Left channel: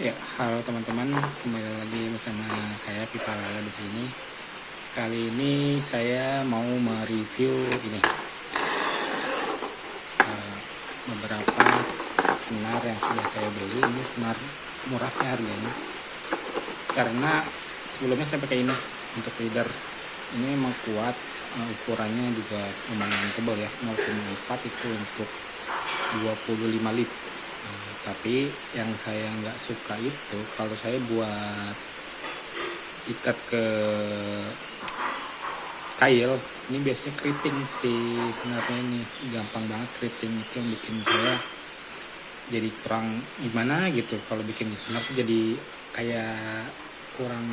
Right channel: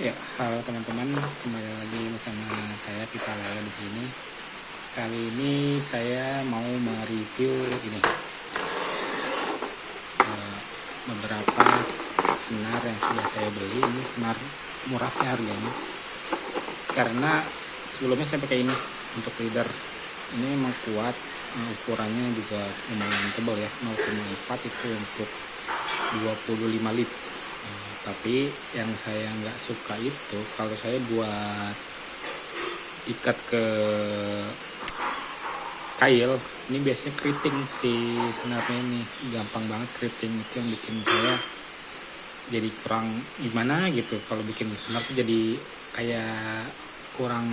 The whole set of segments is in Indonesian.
Ya, halo teman-teman, kembali lagi bersama saya Pipa Lala di sini. Kali ini saya mau mereview beberapa senar yang sudah saya beli. Ini senar murahnya harganya. Karena sebelumnya saya pakai ini untuk leader. Ini emang kuat, ukurannya juga lumayan tebal ya, 0,4 itu untuk 25 lip. Tapi yang saya nggak suka itu kalau saya buat ikat ke kail, ini biasanya keriting si senarnya, ini gampang banget keriting. Itu yang bikin saya jadi kurang gimana gitu. Kalau bikin di senar tuh jadi kayak kurang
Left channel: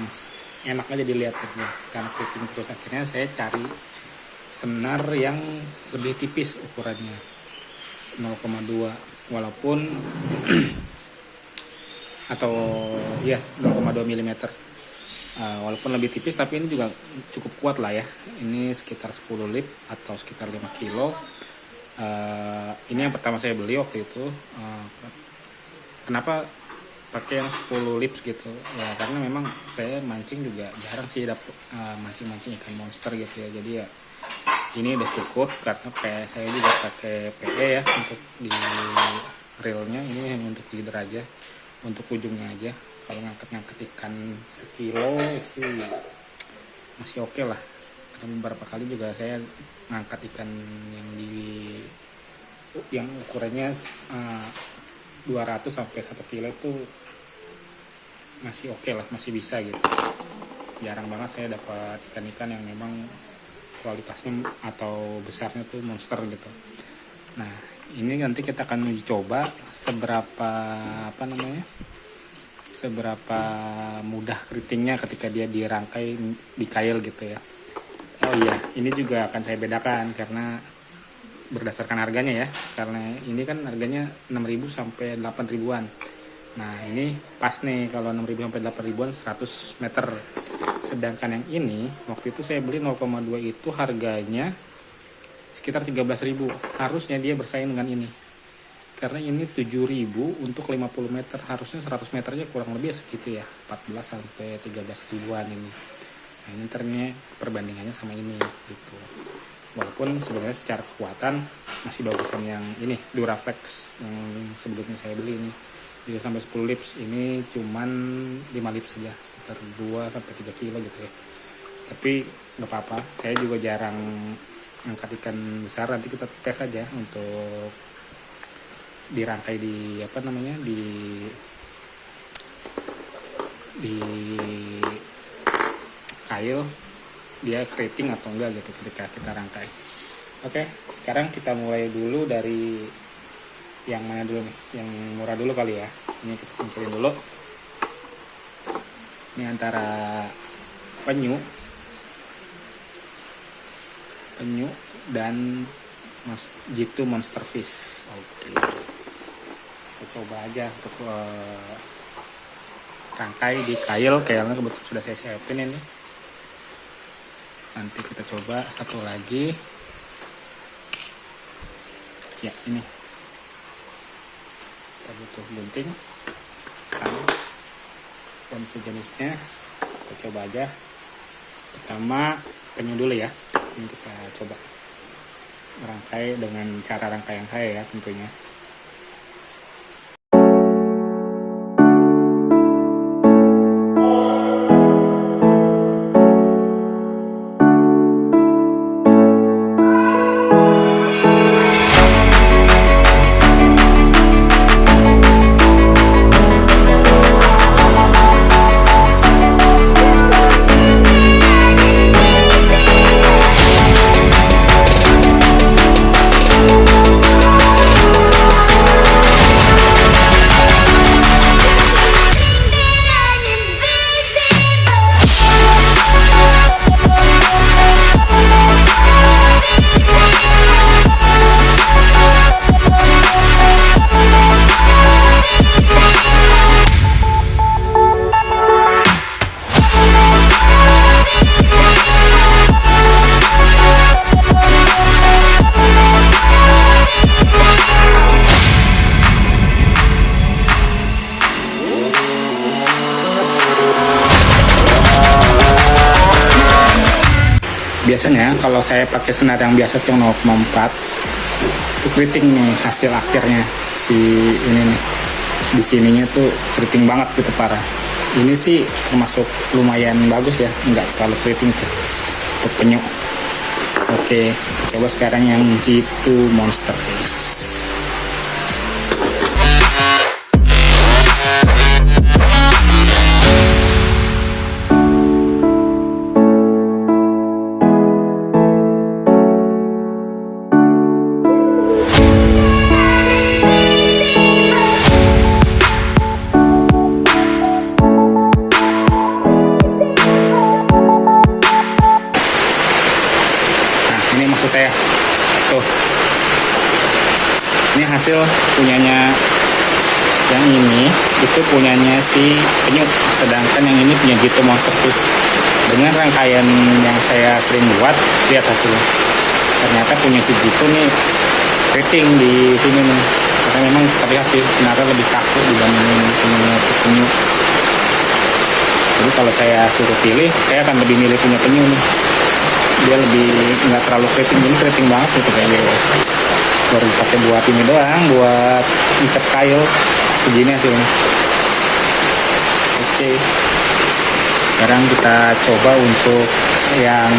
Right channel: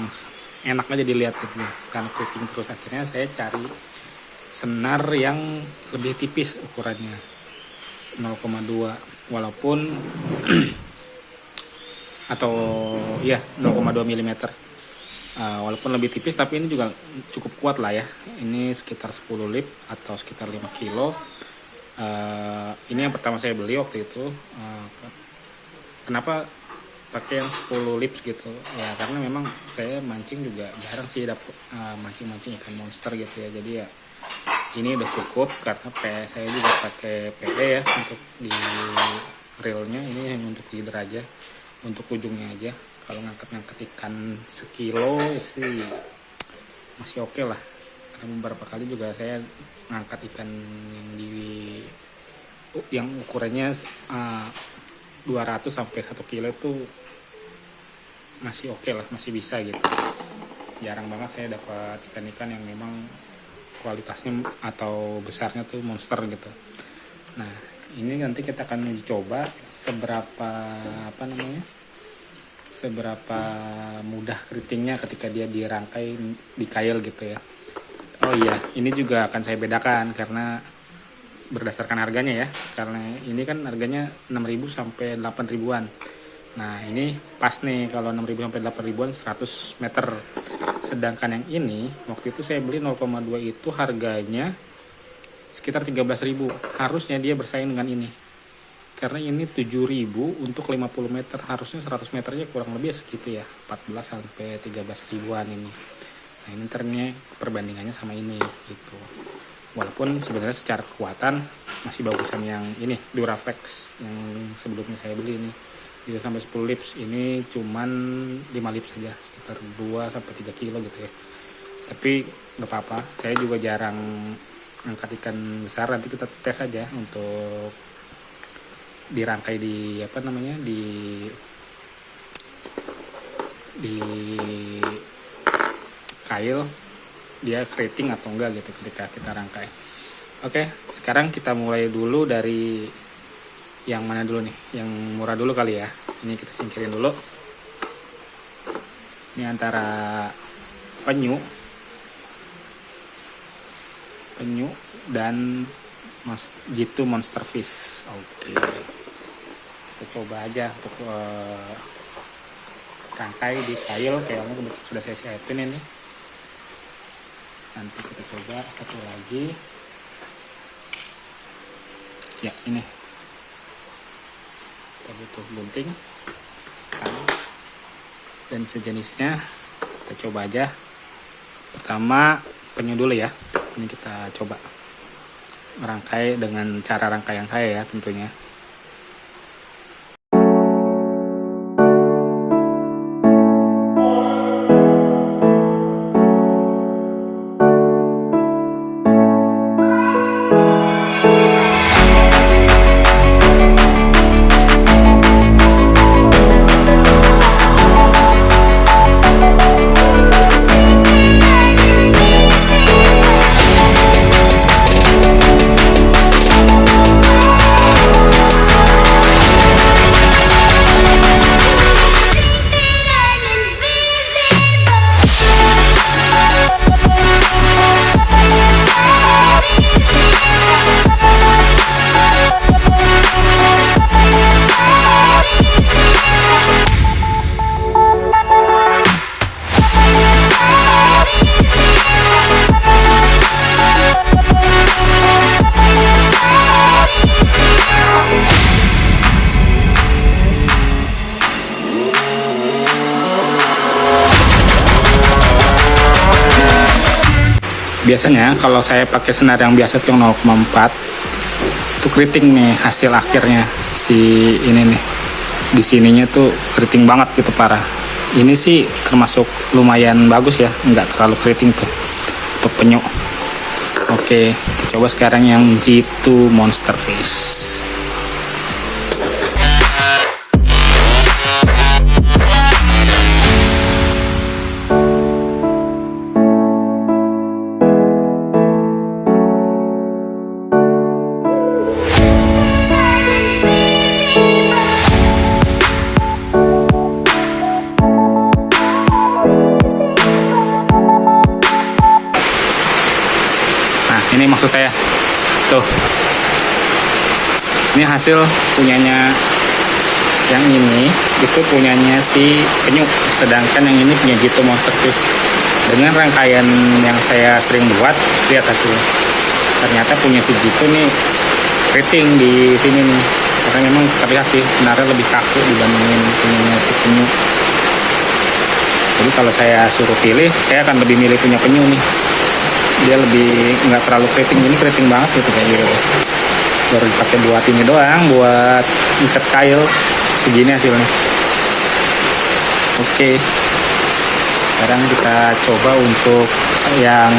enak aja dilihat gitu karena keriting terus. Akhirnya saya cari senar yang lebih tipis ukurannya, 0,2, walaupun atau ya 0,2 mm, walaupun lebih tipis tapi ini juga cukup kuat lah ya. Ini sekitar 10 lip atau sekitar 5 kilo. Ini yang pertama saya beli waktu itu. Kenapa pakai yang 10 lips gitu ya, karena memang saya mancing juga jarang sih dapet mancing ikan monster gitu ya. Jadi ya ini udah cukup, karena saya juga pakai PE ya untuk di reelnya. Ini hanya untuk leader aja, untuk ujungnya aja. Kalau ngangkat ikan sekilo sih masih oke lah, karena beberapa kali juga saya ngangkat ikan yang ukurannya 200 sampai 1 kilo itu masih oke lah, masih bisa gitu. Jarang banget saya dapat ikan-ikan yang memang kualitasnya atau besarnya tuh monster gitu. Nah, ini nanti kita akan uji coba seberapa mudah keritingnya ketika dia dirangkai di kail gitu ya. Oh iya, ini juga akan saya bedakan karena berdasarkan harganya ya. Karena ini kan harganya 6.000 sampai 8.000-an. Nah, ini pas nih kalau 6.000 sampai 8.000-an 100 meter. Sedangkan yang ini waktu itu saya beli 0,2 itu harganya sekitar 13.000. Harusnya dia bersaing dengan ini, karena ini 7.000 untuk 50 meter, harusnya 100 meternya kurang lebih segitu ya, 14 sampai 13 ribuan ini. Nah, ini ternyata perbandingannya sama ini gitu. Walaupun sebenarnya secara kekuatan masih bagusan yang ini Duraflex yang sebelumnya saya beli, ini bisa sampai 10 lips. Ini cuman 5 lips saja, sekitar 2 sampai 3 kilo gitu ya. Tapi nggak apa-apa, saya juga jarang angkat ikan besar. Nanti kita tes aja untuk dirangkai di di kail, dia keriting atau enggak gitu ketika kita rangkai. Oke, sekarang kita mulai dulu dari yang mana dulu nih? Yang murah dulu kali ya. Ini kita singkirin dulu. Ini antara penyu dan G2 monster fish. Oke, kita coba aja untuk rangkai di kailnya kebetulan sudah saya siapin ini. Nanti kita coba satu lagi ya. Ini kita butuh gunting dan sejenisnya. Kita coba aja. Pertama penyu dulu ya. Ini kita coba merangkai dengan cara rangkaian saya ya tentunya. Biasanya kalau saya pakai senar yang biasa tuh yang 0,4 itu keriting nih hasil akhirnya si ini nih. Di sininya tuh keriting banget gitu, parah. Ini sih termasuk lumayan bagus ya, nggak terlalu keriting tuh untuk penyu. Oke, coba sekarang yang G2 Monster Fish. Ini maksud saya tuh, ini hasil punyanya yang ini, itu punyanya si penyu, sedangkan yang ini punya G2 Monster Fish. Dengan rangkaian yang saya sering buat, lihat hasilnya, ternyata punya si G2 nih keriting di sini nih, karena memang terlihat sih senarnya lebih kaku dibandingin punyanya si penyu. Jadi kalau saya suruh pilih, saya akan lebih milih punya penyu nih. Dia lebih nggak terlalu keriting, ini keriting banget gitu kayaknya. Baru dipakai buat ini doang, buat ikat kail, segini hasilnya. Oke, sekarang kita coba untuk yang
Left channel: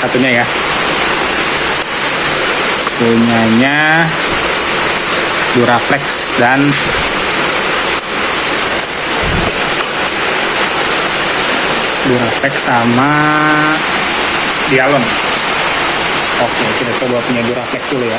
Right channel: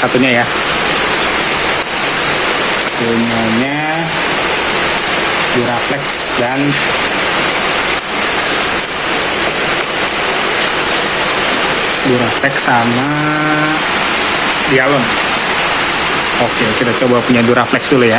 satunya ya. Punyanya Duraflex dan Duraflex sama Dialon. Oke, kita coba punya Duraflex dulu ya.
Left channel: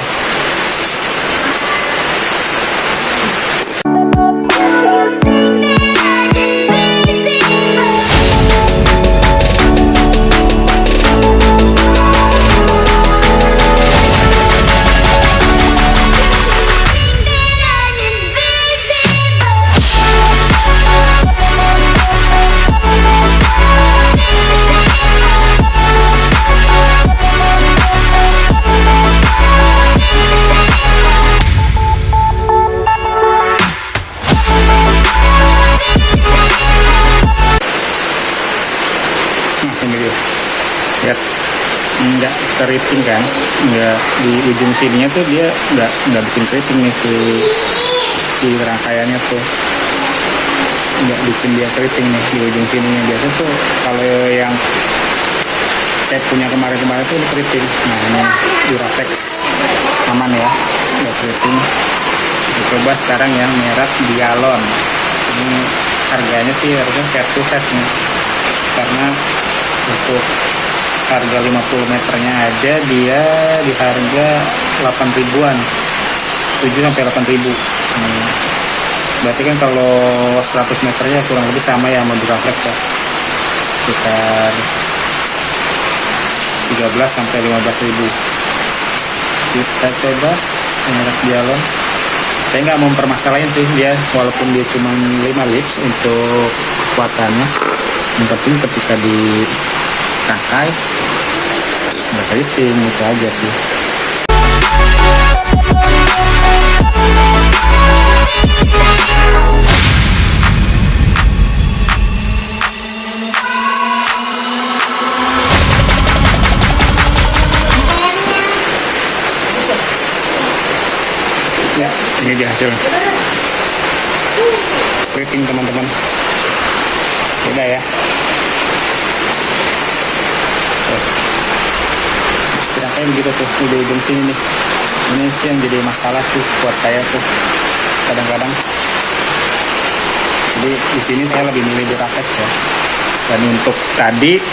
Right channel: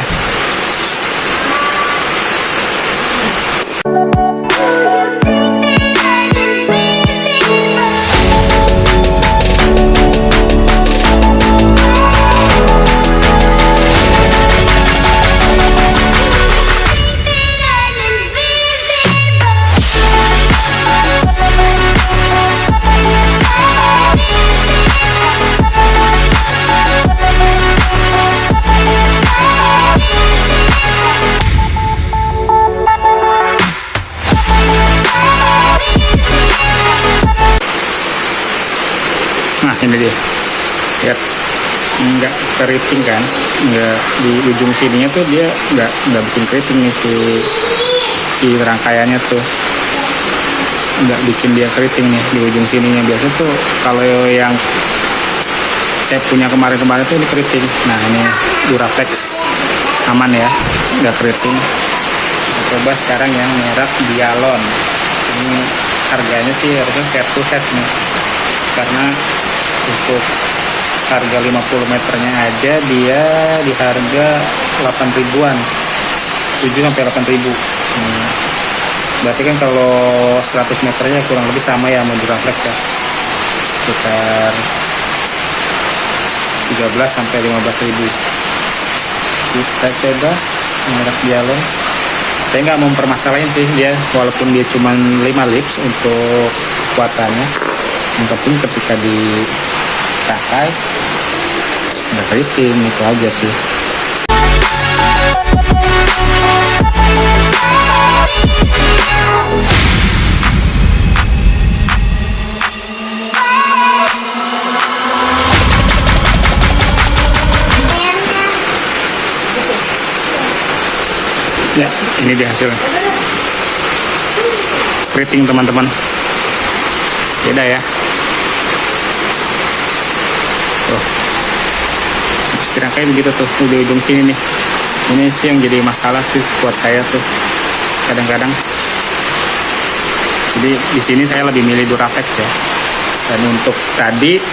Nah ini dia, lihat, nggak keriting kan, nggak di ujung sininya tuh dia nggak bikin keriting nih si rangkaiannya tuh, nggak bikin dia keriting nih di ujung sininya. Biasanya tuh kalau yang saya punya kemarin tuh ini keriting. Nah ini Duraflex aman ya, nggak keriting. Kita coba sekarang yang merek Dialon. Ini harganya sih harusnya head to head nih, karena untuk harga 50 meternya aja dia di harga 8 ribuan, 7 sampai 8 ribu. Berarti kan kalau 100 meternya kurang lebih sama ya sama Duraflex ya, sekitar 13 sampai 15 ribu. Kita coba merek Dialon. Saya nggak mau mempermasalahin sih dia, walaupun dia cuma 5 lips untuk kekuatannya. Yang penting ketika di rangkai ada keriting, itu aja sih. Ya, ini dia hasilnya. Keriting teman-teman. Beda ya. Rangkaian begitu tuh, udah ujung sini nih. Ini sih yang jadi masalah sih buat saya tuh kadang-kadang. Jadi di sini saya lebih milih Duraflex ya. Dan untuk tadi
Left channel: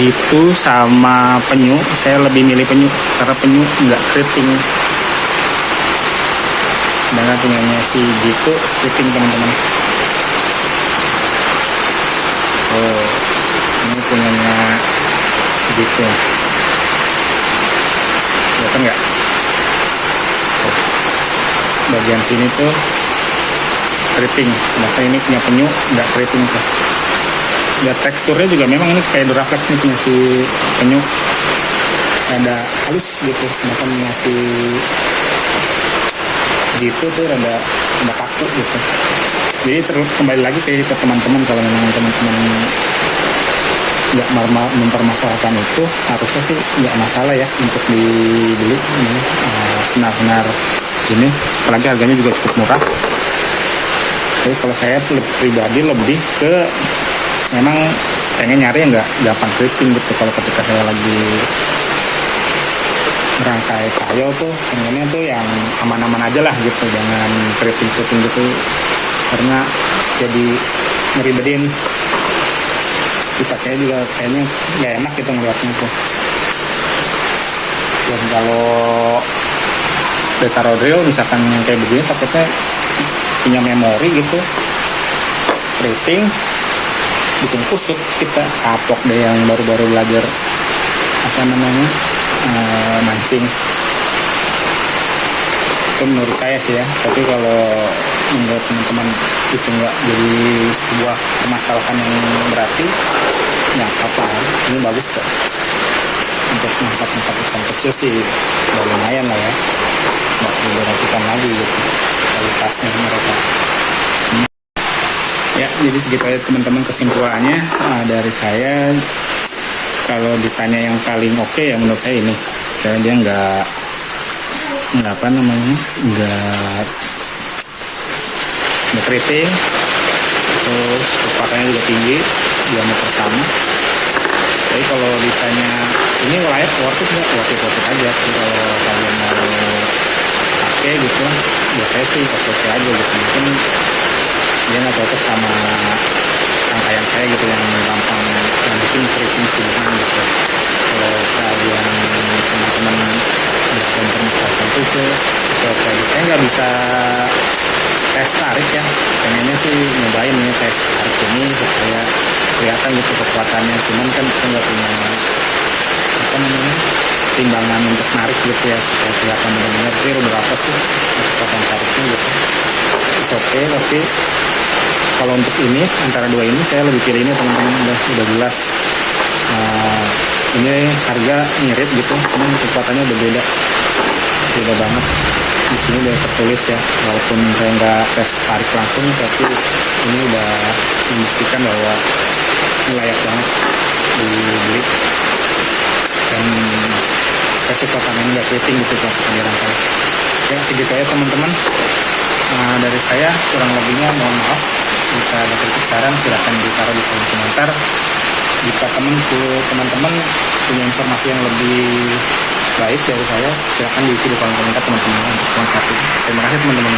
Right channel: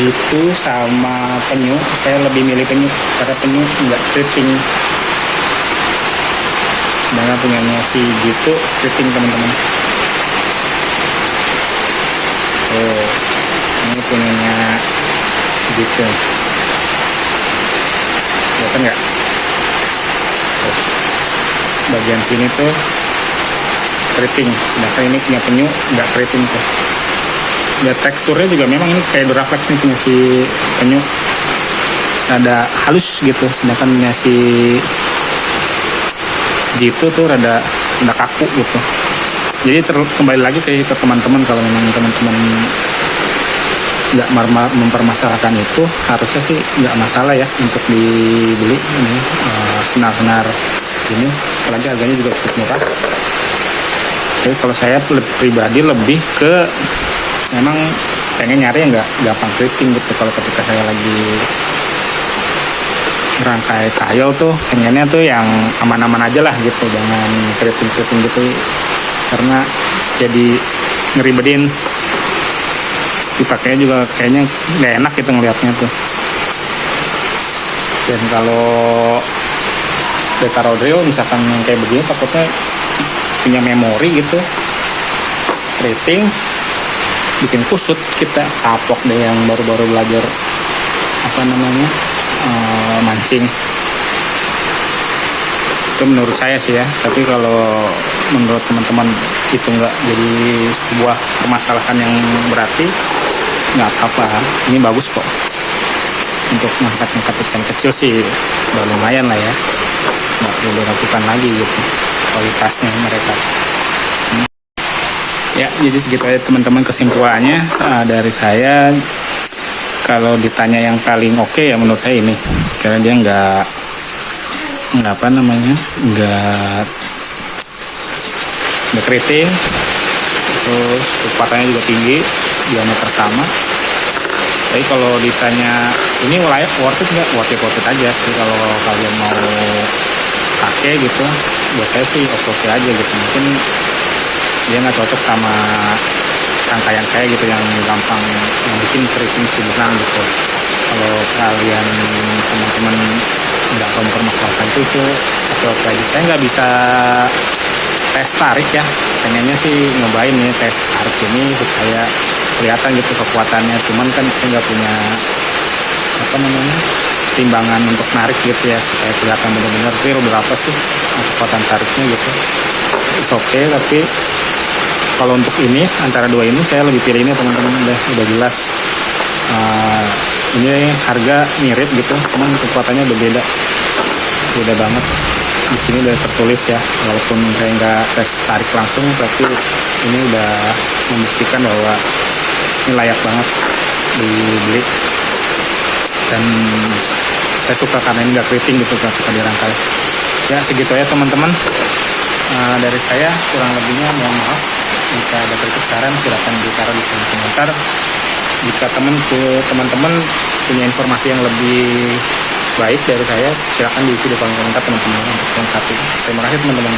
G2 sama penyu, saya lebih milih penyu karena penyu nggak keriting. Sedangkan punyanya si G2 keriting teman-teman. Oh, ini punyanya G2. Kelihatan nggak? Oh, bagian sini tuh keriting, sedangkan ini punya penyu nggak keriting tuh. Ya teksturnya juga memang ini kayak Duraflex nih punya si penyu, ada halus gitu, sedangkan punya si G2 tuh rada kaku gitu. Jadi kembali lagi ke teman-teman, kalau memang teman-teman mempermasalahkan itu, harusnya sih nggak masalah ya untuk dibeli ini senar-senar ini, apalagi harganya juga cukup murah. Jadi kalau saya pribadi lebih ke memang pengen nyari yang nggak gampang keriting gitu. Kalau ketika saya lagi merangkai kail tuh pengennya tuh yang aman-aman aja lah gitu, jangan keriting-keriting gitu, karena jadi ngeribetin, dipakainya juga kayaknya nggak enak gitu ngeliatnya tuh. Dan kalau taruh drill misalkan yang kayak begini, takutnya punya memori gitu, keriting bikin kusut, kita kapok deh yang baru-baru belajar apa namanya mancing. Itu menurut saya sih ya, tapi kalau menurut teman-teman itu nggak jadi sebuah permasalahan yang berarti, nggak apa-apa, ini bagus kok untuk ngangkat-ngangkat ikan kecil sih, udah lumayan lah ya, nggak perlu diragukan lagi gitu kualitasnya mereka. Ya, jadi segitu aja teman-teman kesimpulannya dari saya. Kalau ditanya yang paling oke ya menurut saya ini, karena dia nggak apa namanya, nggak keriting, terus kekuatannya juga tinggi, diameter sama. Jadi kalau ditanya ini layak, worth it nggak, worth it aja sih kalau kalian mau pakai gitu. Buat saya sih oke aja gitu. Mungkin dia nggak cocok sama rangkaian saya gitu, yang gampang yang bikin keriting subuhan gitu. Kalau kalian teman-teman nggak mempermasalahkan itu oke aja. Saya nggak bisa tes tarik ya, pengennya sih nyobain ya tes tarik ini supaya kelihatan gitu kekuatannya, cuman kan saya nggak punya apa namanya timbangan untuk narik gitu ya, supaya kelihatan benar-benar real berapa sih kekuatan tariknya gitu. It's okay, tapi kalau untuk ini antara dua ini saya lebih pilih ini teman-teman, udah jelas ini harga mirip gitu, cuman kekuatannya udah beda banget. Di sini udah tertulis ya, walaupun saya nggak tes tarik langsung, tapi ini udah membuktikan bahwa ini layak banget dibeli. Dan saya suka karena ini nggak keriting gitu ketika dirangkai. Ya segitu aja teman-teman dari saya, kurang lebihnya mohon maaf. Jika ada kritik saran silahkan ditaruh di kolom komentar. Jika teman-teman punya informasi yang lebih baik dari saya, silahkan diisi di kolom komentar teman-teman untuk melengkapi. Terima kasih teman-teman.